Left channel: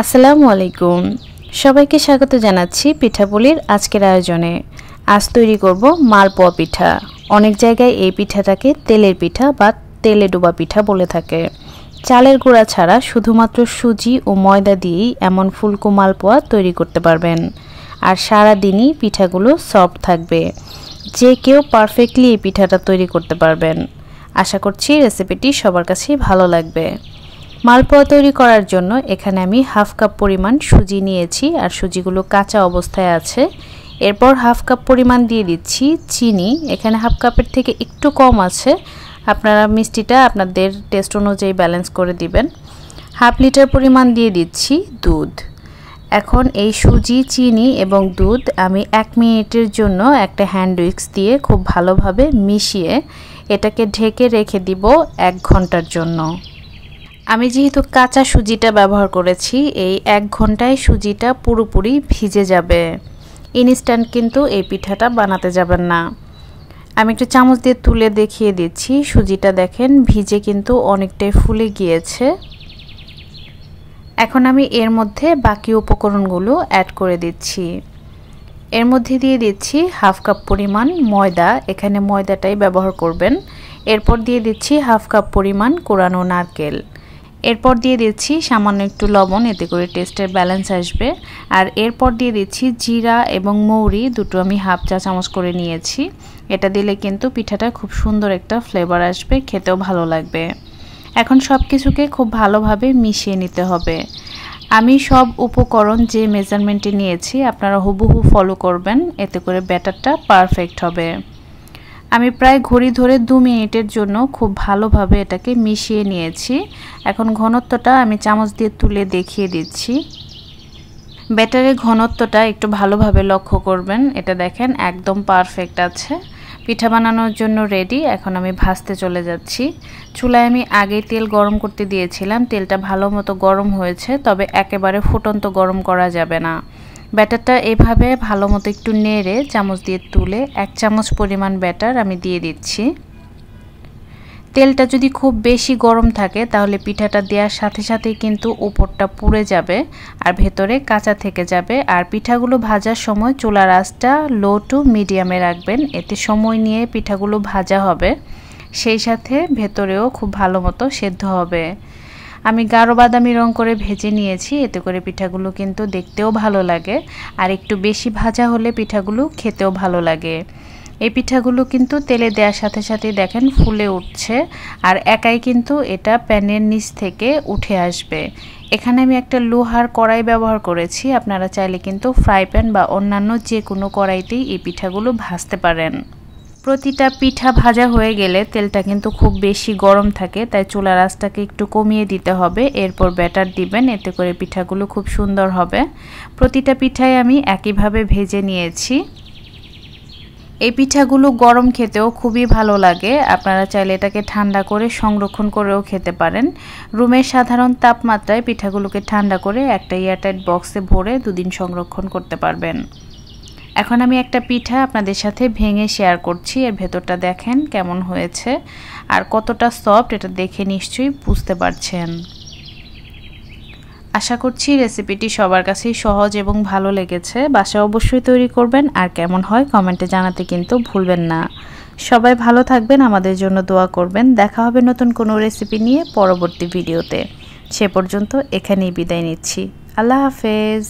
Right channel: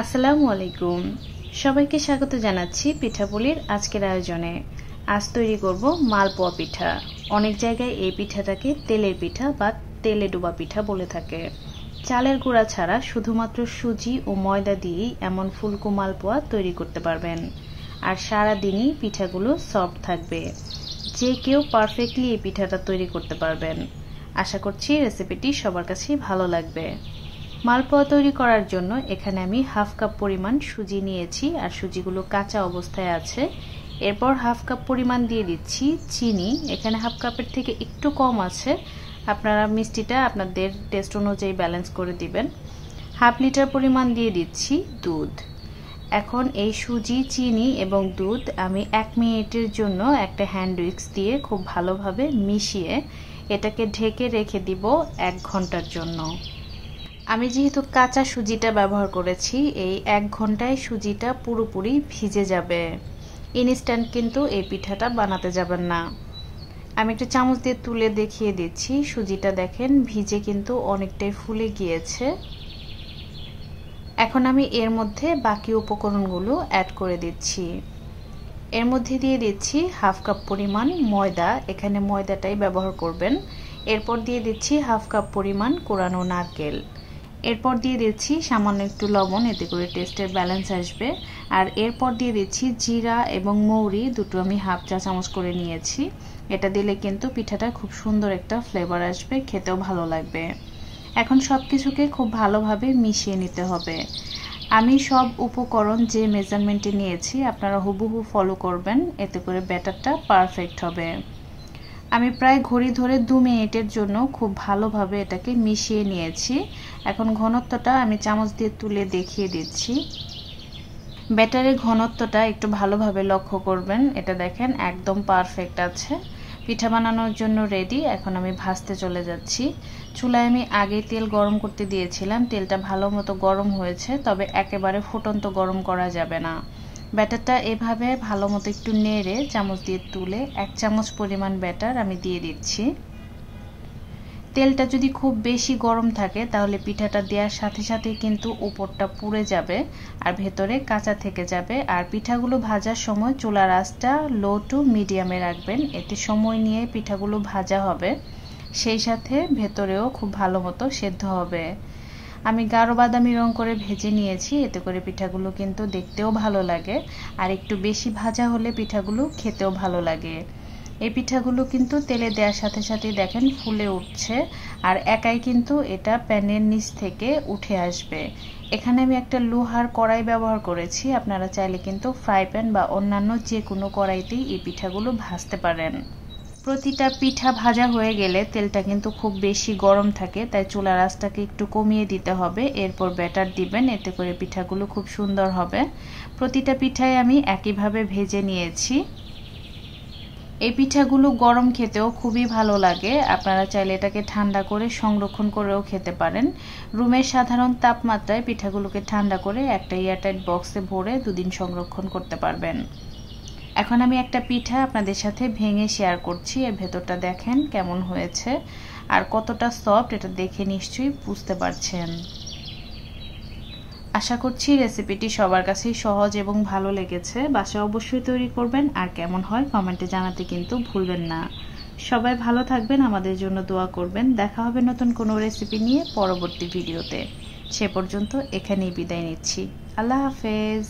আসসালামু আলাইকুম সবাইকে স্বাগত জানাচ্ছি পিঠাপুলির আজকের আয়োজনে। আজ তৈরি করব মালপোয়া পিঠা। অনেক জায়গায় এই পিঠাটাকে তেলের পিঠা বা তেলে ডোবা পিঠা বলে থাকে। চালের গুঁড়া ছাড়া শুধুমাত্র সুজি ও ময়দা দিয়েই এমন ফুলকো মালপোয়া তৈরি করতে পারবেন। আর সারা দিনই পিঠাগুলো সফট থাকবে। যে কেউ পারফেক্টলি এই পিঠাটা তৈরি করতে পারবেন। আশা করছি রেসিপিটি সবার কাছেই ভালো লাগবে। মালপোয়া তৈরি করার জন্য এখানে আমি হাফ কাপ পরিমাণ সুজি নিয়েছি আর সুজিগুলো কাঁচা অবস্থায় আছে। এরপর হাফ কাপ পরিমাণ দিয়ে দিচ্ছি চিনি। এখানে হাফ কাপের থেকে একটু কম আছে, আপনারা মিষ্টিটা আপনাদের টেস্ট অনুযায়ী ব্যালেন্স করে দিবেন। হাফ লিটার পরিমাণ দিয়ে দিচ্ছি দুধ। এখন এই সুজি, চিনি এবং দুধ আমি 1 মিনিটের জন্য একটা হ্যান্ড উইক্স দিয়ে খুব ভালোভাবে মিশিয়ে এটাকে ঢেকে রেখে দিব 1 ঘন্টার জন্য। আমি যেহেতু কাঁচা সুজিটা ব্যবহার করেছি, এই 1 ঘন্টায় সুজিটা পুরোপুরি ভিজে যাবে। ইনস্ট্যান্ট কিন্তু এই পিঠাটা বানাতে যাবেন না। আমি একটা চামচ দিয়ে তুলে দেখিয়ে দিচ্ছি। সুজিটা দেখেন ভিজে কিন্তু অনেকটাই ফুলে গিয়েছে। এখন আমি এর মধ্যে বাকি উপকরণগুলো অ্যাড করে দিচ্ছি। এর মধ্যে দিয়ে দিচ্ছি হাফ কাপ পরিমাণ ময়দা, এখানে ময়দাটাই ব্যবহার করবেন। এরপর দিয়ে দিচ্ছি হাফ কাপ পরিমাণ কোরানো নারকেল। এরপর দিয়ে দিচ্ছি সামান্য একটু লবণ, এতে করে টেস্টের ব্যালেন্স আসবে। আর এরপর দিয়ে দিচ্ছি জিরা এবং মৌরি, দুটো আমি হাফ চা চামচ করে নিয়েছি। এটা দিলে কিন্তু পিঠাটা খুব সুন্দর একটা ফ্লেভার আসবে, খেতেও ভালো লাগবে। এখন সব কিছুকে খুব ভালোভাবে মিশিয়ে নিতে হবে। আমি সব উপকরণ যে মেজারমেন্টে নিয়েছি আপনারা হুবহু ফলো করবেন, এতে করে ব্যাটারটা পারফেক্ট হবে। আমি প্রায় ঘড়ি ধরে 2 মিনিটের জন্য খুব ভালোভাবে এটাকে মিশিয়ে নিয়েছি। এখন ঘনত্বটা আমি চামচ দিয়ে তুলে দেখিয়ে দিচ্ছি। ব্যাটারের ঘনত্বটা একটু ভালোভাবে লক্ষ্য করবেন। এটা দেখেন একদম পারফেক্ট আছে। পিঠা বানানোর জন্য রেডি। এখন আমি ভাজতে চলে যাচ্ছি। চুলায় আমি আগে তেল গরম করতে দিয়েছিলাম। তেলটা ভালো মতো গরম হয়েছে, তবে একেবারে ফুটন্ত গরম করা যাবে না। ব্যাটারটা এভাবে ভালো মতো একটু নেড়ে চামচ দিয়ে তুলে 1 চামচ পরিমাণ ব্যাটার আমি দিয়ে দিচ্ছি। তেলটা যদি খুব বেশি গরম থাকে তাহলে পিঠাটা দেওয়ার সাথে সাথেই কিন্তু উপরটা পুড়ে যাবে আর ভেতরে কাঁচা থেকে যাবে। আর পিঠাগুলো ভাজার সময় চুলার আঁচটা লো টু মিডিয়ামে রাখবেন, এতে সময় নিয়ে পিঠাগুলো ভাজা হবে, সেই সাথে ভেতরেও খুব ভালো মতো সেদ্ধ হবে। আমি গাঢ় বাদামি রং করে ভেজে নিয়েছি, এতে করে পিঠাগুলো কিন্তু দেখতেও ভালো লাগে আর একটু বেশি ভাজা হলে পিঠাগুলো খেতেও ভালো লাগে। এই পিঠাগুলো কিন্তু তেলে দেওয়ার সাথে সাথে দেখেন ফুলে উঠছে আর একাই কিন্তু এটা প্যানের নিচ থেকে উঠে আসবে। এখানে আমি একটা লোহার কড়াই ব্যবহার করেছি, আপনারা চাইলে কিন্তু ফ্রাই প্যান বা অন্যান্য যে কোনো কড়াইতেই এই পিঠাগুলো ভাজতে পারেন। প্রতিটা পিঠা ভাজা হয়ে গেলে তেলটা কিন্তু খুব বেশি গরম থাকে, তাই চুলার আঁচটাকে একটু কমিয়ে দিতে হবে। এরপর ব্যাটার দিবেন, এতে করে পিঠাগুলো খুব সুন্দর হবে। প্রতিটা পিঠাই আমি একইভাবে ভেজে নিয়েছি। এই পিঠাগুলো গরম খেতেও খুবই ভালো লাগে। আপনারা চাইলে এটাকে ঠান্ডা করে সংরক্ষণ করেও খেতে পারেন। রুমের সাধারণ তাপমাত্রায় পিঠাগুলোকে ঠান্ডা করে একটা এয়ারটাইট বক্সে ভরে 2 দিন সংরক্ষণ করতে পারবেন। এখন আমি একটা পিঠা আপনাদের সাথে ভেঙে শেয়ার করছি। এর ভেতরটা দেখেন কেমন হয়েছে আর কতটা সফট, এটা দেখে নিশ্চয়ই বুঝতে পারছেন। আশা করছি রেসিপিটি সবার কাছেই সহজ এবং ভালো লেগেছে। বাসায় অবশ্যই তৈরি করবেন আর কেমন হয় কমেন্টে জানাতে কিন্তু ভুলবেন না। সবাই ভালো থাকবেন, আমাদের জন্য দোয়া করবেন। দেখা হবে নতুন কোনো রেসিপি নিয়ে পরবর্তী ভিডিওতে। সে পর্যন্ত এখানেই বিদায় নিচ্ছি। আল্লাহ হাফেজ।